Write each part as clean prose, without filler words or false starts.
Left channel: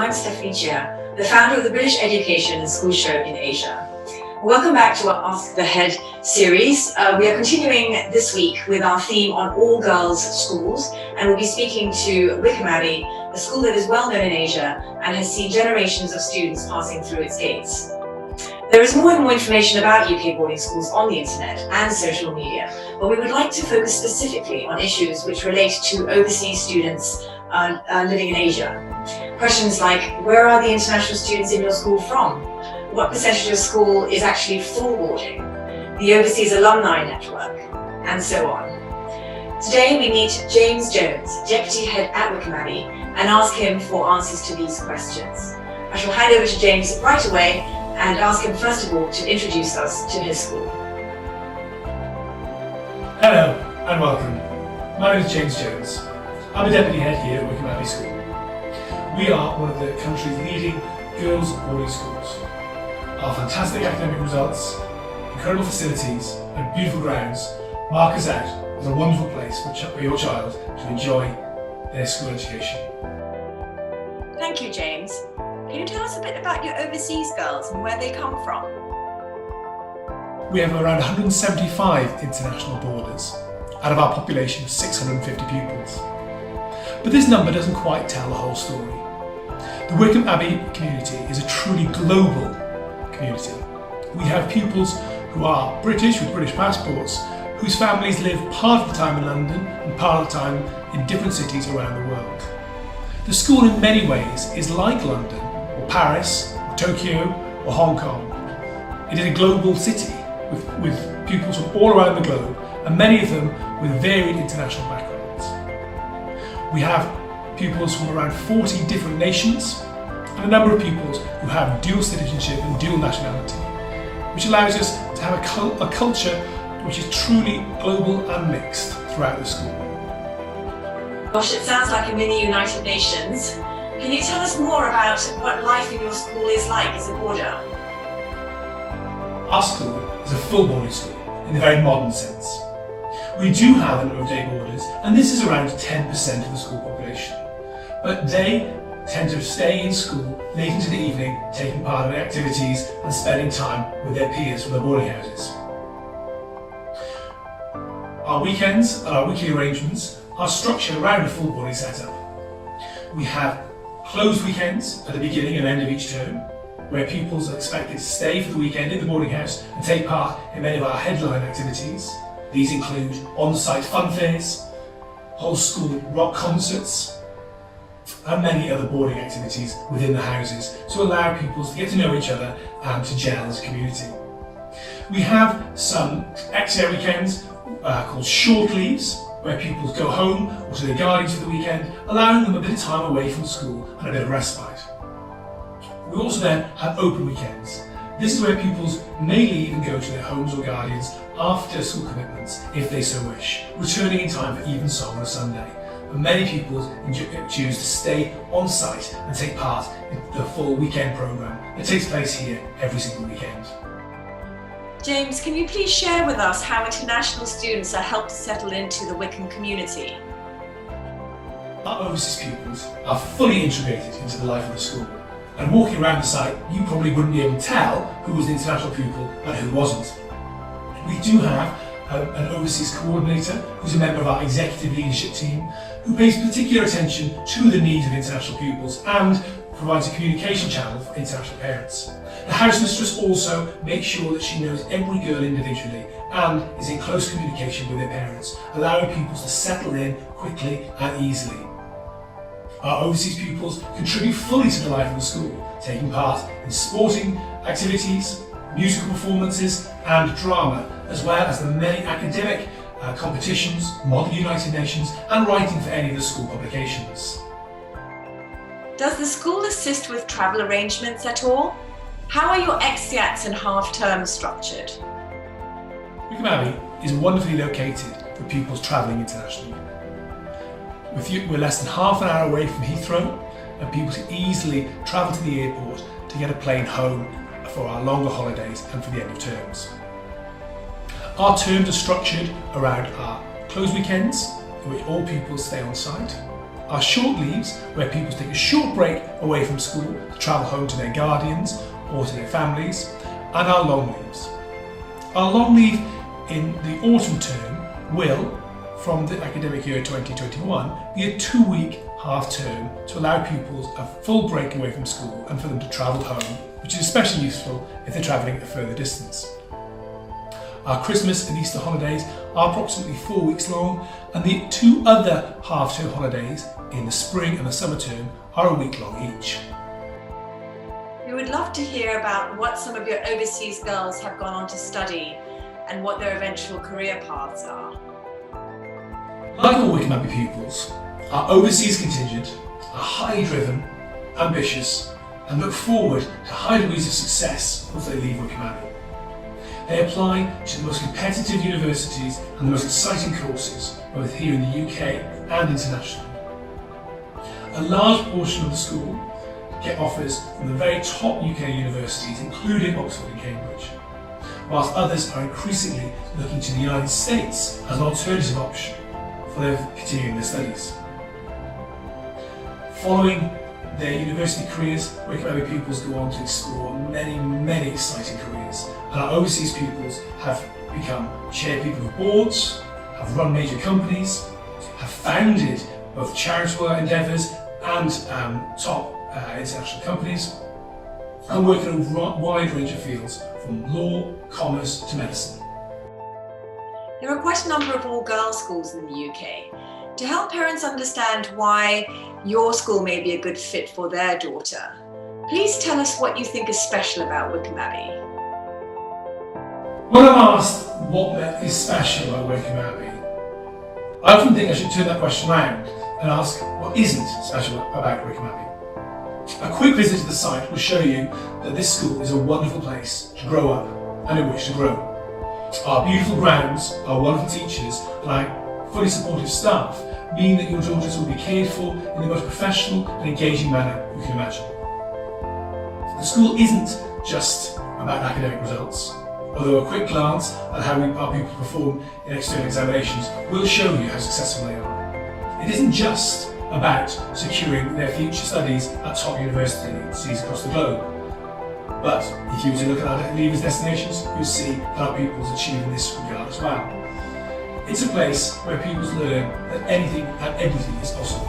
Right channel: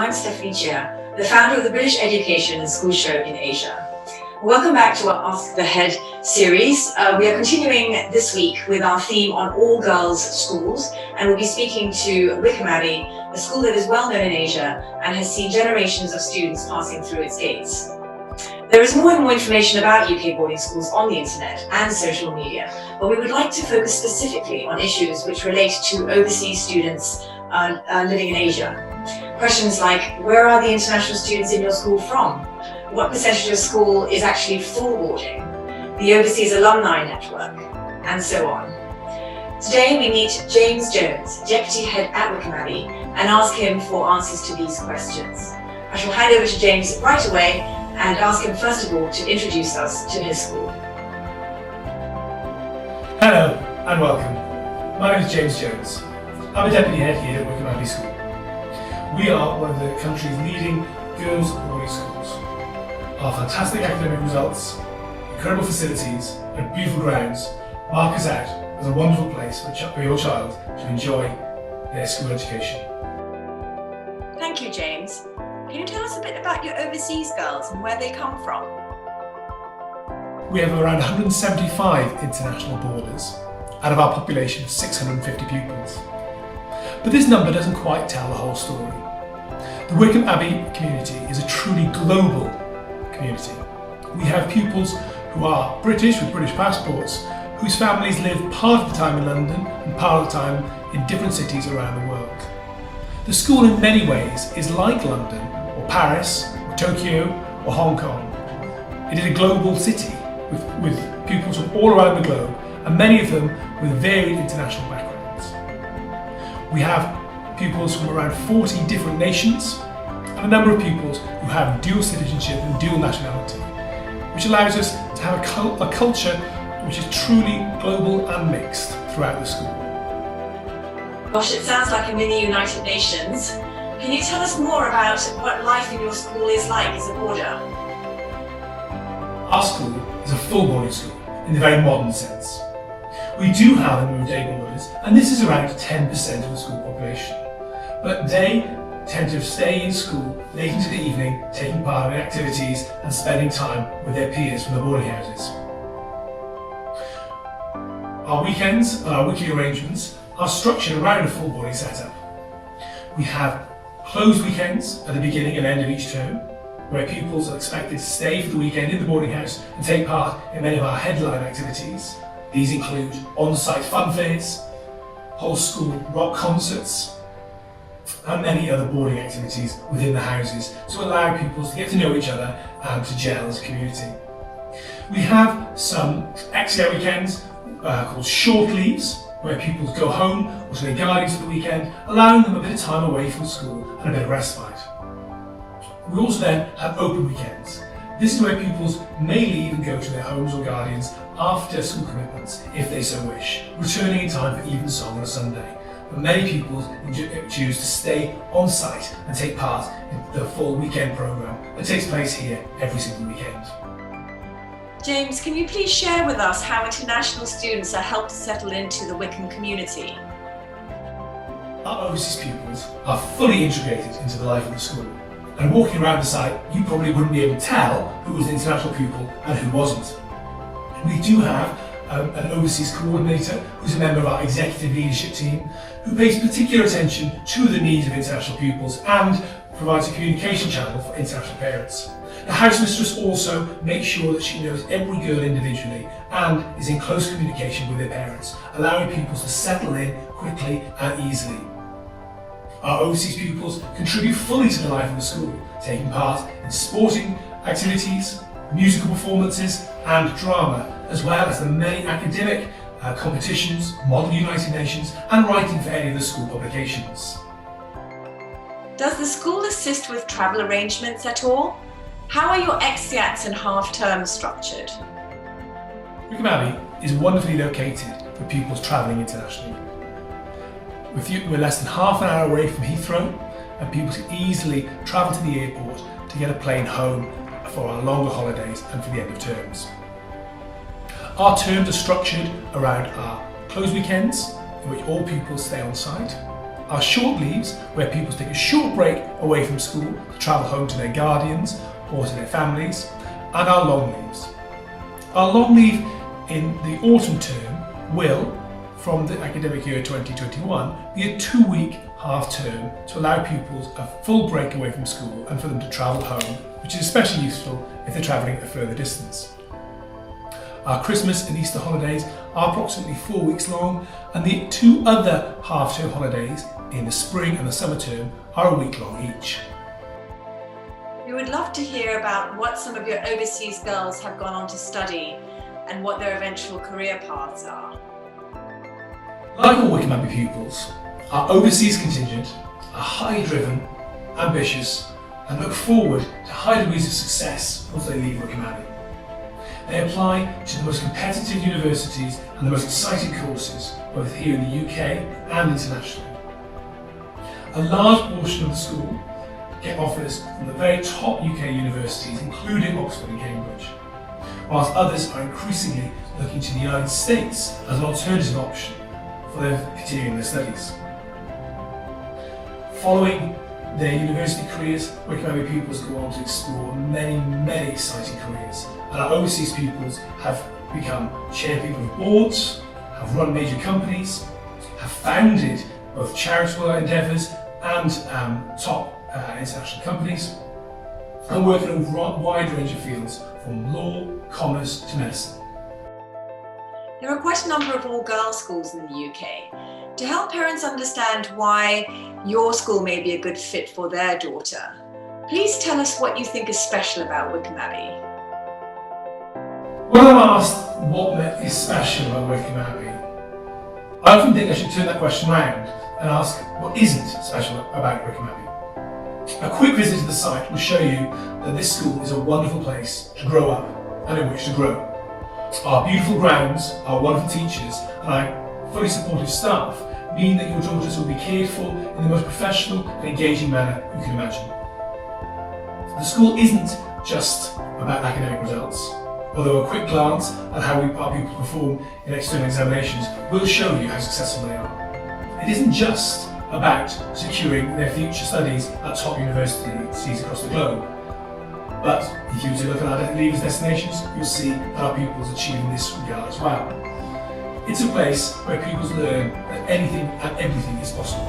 I'm Stephanie Cheah, the founder of the British Education and School Show in Asia. Welcome back to our Ask the Head series. We are continuing this week with our theme on all girls schools, and we'll be speaking to Wycombe Abbey, a school that is well known in Asia and has seen generations of students passing through its gates. There is more and more information about UK boarding schools on the internet and social media, but we would like to focus specifically on issues which relate to overseas students living in Asia. Questions like, where are the international students in your school from? What percentage of your school is actually full boarding? The overseas alumni network, and so on. Today we meet James Jones, Deputy Head at Wycombe Abbey, and ask him for answers to these questions. I shall hand over to James right away and ask him first of all to introduce us to his school. Hello and welcome. My name is James Jones. I'm a Deputy Head here at Wycombe Abbey School. We are one of the country's leading girls' boarding schools. Our fantastic academic results, incredible facilities and beautiful grounds mark us out as a wonderful place for your child to enjoy their school education. Thank you, James. Can you tell us a bit about your overseas girls and where they come from? We have around 175 international boarders out of our population of 650 pupils. But this number doesn't quite tell the whole story. The Wycombe Abbey community is a truly global community. We have pupils who are British with British passports, whose families live part of the time in London and part of the time in different cities around the world. The school in many ways is like London, or Paris, or Tokyo, or Hong Kong. It is a global city with pupils from all around the globe, and many of them with varied international backgrounds. We have pupils from around 40 different nations, and a number of pupils who have dual citizenship and dual nationality, which allows us to have a culture which is truly global and mixed throughout the school. Gosh, it sounds like a mini United Nations. Can you tell us more about what life in your school is like as a boarder? Our school is a full boarding school in the very modern sense. We do have a number of day boarders, and this is around 10% of the school population. But they tend to stay in school late into the evening, taking part in activities and spending time with their peers from the boarding houses. Our weekends and our weekly arrangements are structured around a full boarding setup. We have closed weekends at the beginning and end of each term, where pupils are expected to stay for the weekend in the boarding house and take part in many of our headline activities. These include on-site fun fairs, whole school rock concerts, and many other boarding activities within the houses to allow pupils to get to know each other and to gel as a community. We have some extra weekends called short leaves, where pupils go home or to their guardians for the weekend, allowing them a bit of time away from school and a bit of respite. We also then have open weekends. This is where pupils may leave and go to their homes or guardians after school commitments, if they so wish, returning in time for evensong on a Sunday. But many pupils choose to stay on site and take part in the full weekend programme that takes place here every single weekend. James, can you please share with us how international students are helped to settle into the Wycombe community? Our overseas pupils are fully integrated into the life of the school. And walking around the site, you probably wouldn't be able to tell who was an international pupil and who wasn't. We do have an overseas coordinator who's a member of our executive leadership team who pays particular attention to the needs of international pupils and provides a communication channel for international parents. The housemistress also makes sure that she knows every girl individually and is in close communication with their parents, allowing pupils to settle in quickly and easily. Our overseas pupils contribute fully to the life of the school, taking part in sporting activities, musical performances and drama, as well as the many academic competitions, Model United Nations and writing for any of the school publications. Does the school assist with travel arrangements at all? How are your exeats and half-terms structured? Wycombe Abbey is wonderfully located for pupils travelling internationally. We're less than half an hour away from Heathrow, and people can easily travel to the airport to get a plane home for our longer holidays and for the end of terms. Our terms are structured around our closed weekends, in which all pupils stay on site, Our short leaves, where pupils take a short break away from school to travel home to their guardians or to their families, and our long leaves. Our long leave in the autumn term will, from the academic year 2021, be a 2-week half term to allow pupils a full break away from school and for them to travel home, which is especially useful if they're travelling a further distance. Our Christmas and Easter holidays are approximately 4 weeks long, and the 2 other half-term holidays in the spring and the summer term are a week long each. We would love to hear about what some of your overseas girls have gone on to study and what their eventual career paths are. Like all Wycombe Abbey pupils, our overseas contingent are highly driven, ambitious, and look forward to high degrees of success once they leave Wycombe Abbey. They apply to the most competitive universities and the most exciting courses, both here in the UK and internationally. A large portion of the school get offers from the very top UK universities, including Oxford and Cambridge, whilst others are increasingly looking to the United States as an alternative option for their continuing their studies. Following their university careers, Wycombe Abbey pupils go on to explore many exciting careers, and our overseas pupils have become chairpeople of boards, have run major companies, have founded both charitable endeavours and top international companies, and work in a wide range of fields from law, commerce to medicine. There are quite a number of all-girls schools in the UK. To help parents understand why your school may be a good fit for their daughter, please tell us what you think is special about Wycombe Abbey. When I'm asked what is special about Wycombe Abbey, I often think I should turn that question round and ask what isn't special about Wycombe Abbey. A quick visit to the site will show you that this school is a wonderful place to grow up and in which to grow. Our beautiful grounds, our wonderful teachers, and our fully supportive staff mean that your daughters will be cared for in the most professional and engaging manner you can imagine. The school isn't just about academic results, although a quick glance at how our pupils perform in external examinations will show you how successful they are. It isn't just about securing their future studies at top universities across the globe. But if you were to look at our leavers destinations, you'll see that our pupils achieve in this regard as well. It's a place where pupils learn that anything and everything is possible.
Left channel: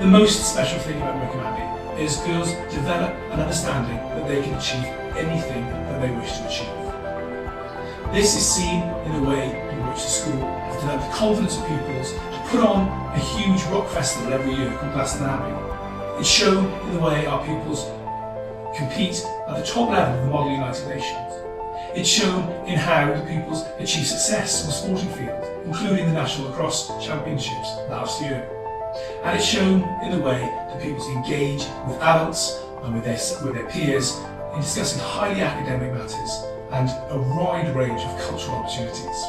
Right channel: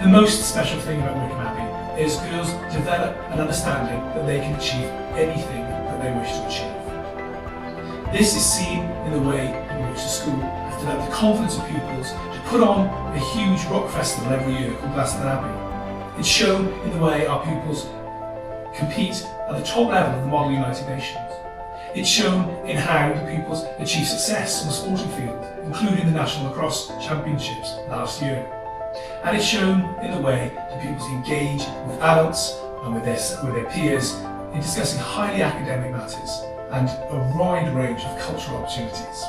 The most special thing about Wycombe Abbey is girls develop an understanding that they can achieve anything that they wish to achieve. This is seen in the way in which the school has developed the confidence of pupils to put on a huge rock festival every year called Glaston Abbey. It's shown in the way our pupils compete at the top level of the Model United Nations. It's shown in how the pupils achieve success on the sporting field, including the National Lacrosse Championships last year. And it's shown in the way that pupils engage with adults and with their peers in discussing highly academic matters and a wide range of cultural opportunities.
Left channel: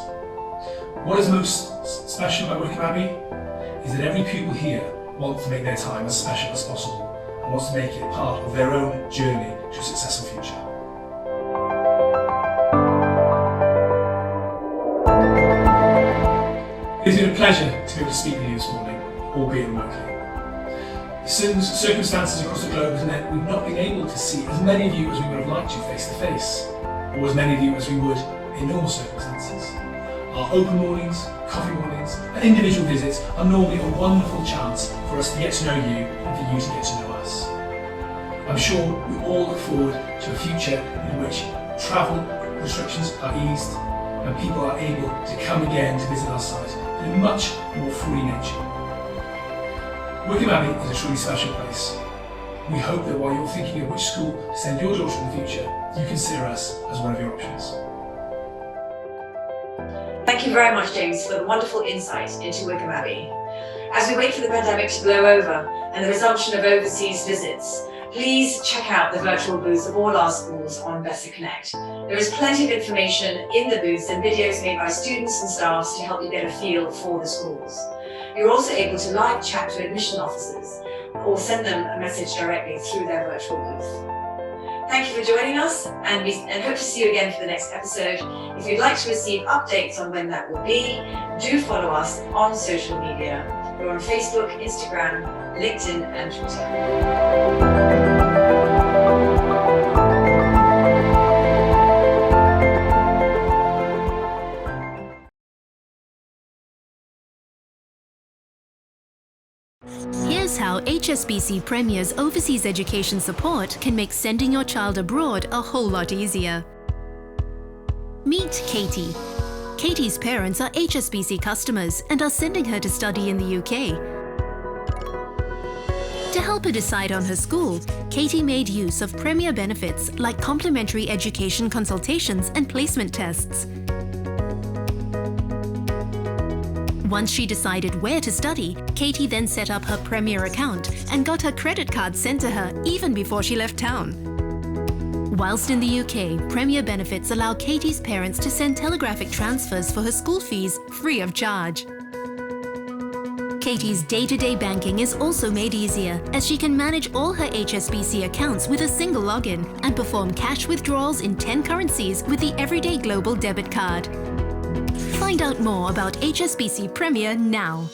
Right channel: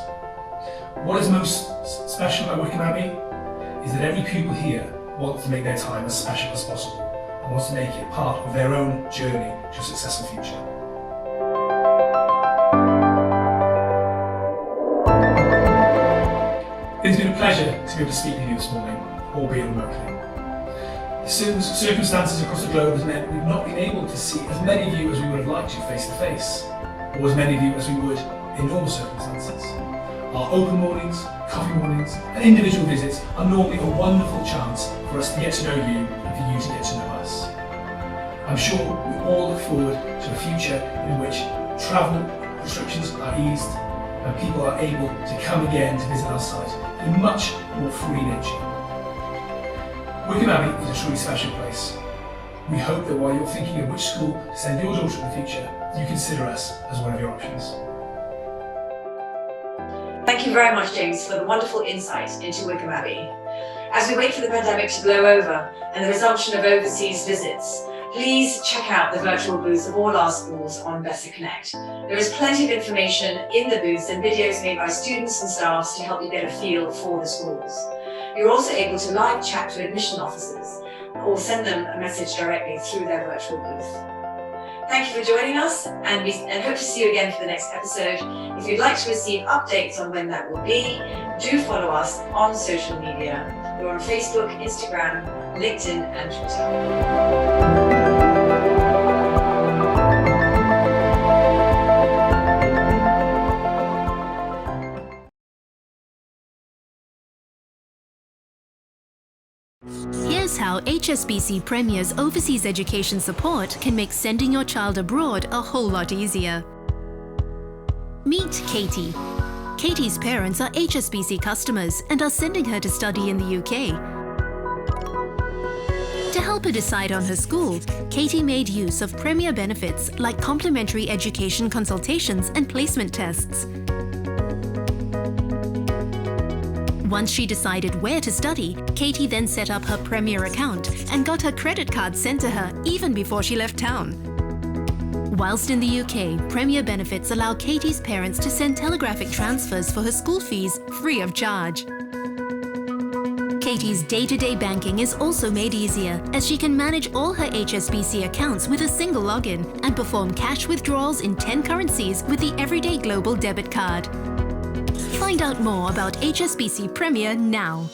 What is most special about Wycombe Abbey is that every pupil here wants to make their time as special as possible and wants to make it part of their own journey to a successful future. It's been a pleasure to be able to speak with you this morning, albeit remotely. Certain circumstances across the globe has meant we've not been able to see as many of you as we would have liked to face to face, or as many of you as we would in normal circumstances. Our open mornings, coffee mornings, and individual visits are normally a wonderful chance for us to get to know you and for you to get to know us. I'm sure we all look forward to a future in which travel restrictions are eased and people are able to come again to visit our site in a much more free nature. Wycombe Abbey is a truly special place. We hope that while you're thinking of which school to send your daughter in the future, you consider us as one of your options. Thank you very much, James, for the wonderful insight into Wycombe Abbey. As we wait for the pandemic to blow over and the resumption of overseas visits, please check out the virtual booths of all our schools on BESSA Connect. There is plenty of information in the booths and videos made by students and staffs to help you get a feel for the schools. You're also able to live chat to admission officers or send them a message directly through their virtual booth. Thank you for joining us, and hope to see you again for the next episode. If you'd like to receive updates on when that will be, do follow us on social media We're on Facebook, Instagram, LinkedIn, and Twitter. Here's how HSBC Premier's overseas education support can make sending your child abroad a whole lot easier. Meet Katie. Katie's parents are HSBC customers and are sending her to study in the UK. To help her decide on her school, Katie made use of Premier benefits like complimentary education consultations and placement tests. Once she decided where to study, Katie then set up her Premier account and got her credit card sent to her even before she left town. Whilst in the UK, Premier benefits allow Katie's parents to send telegraphic transfers for her school fees free of charge. Katie's day-to-day banking is also made easier as she can manage all her HSBC accounts with a single login and perform cash withdrawals in 10 currencies with the Everyday Global Debit Card. Find out more about HSBC Premier now.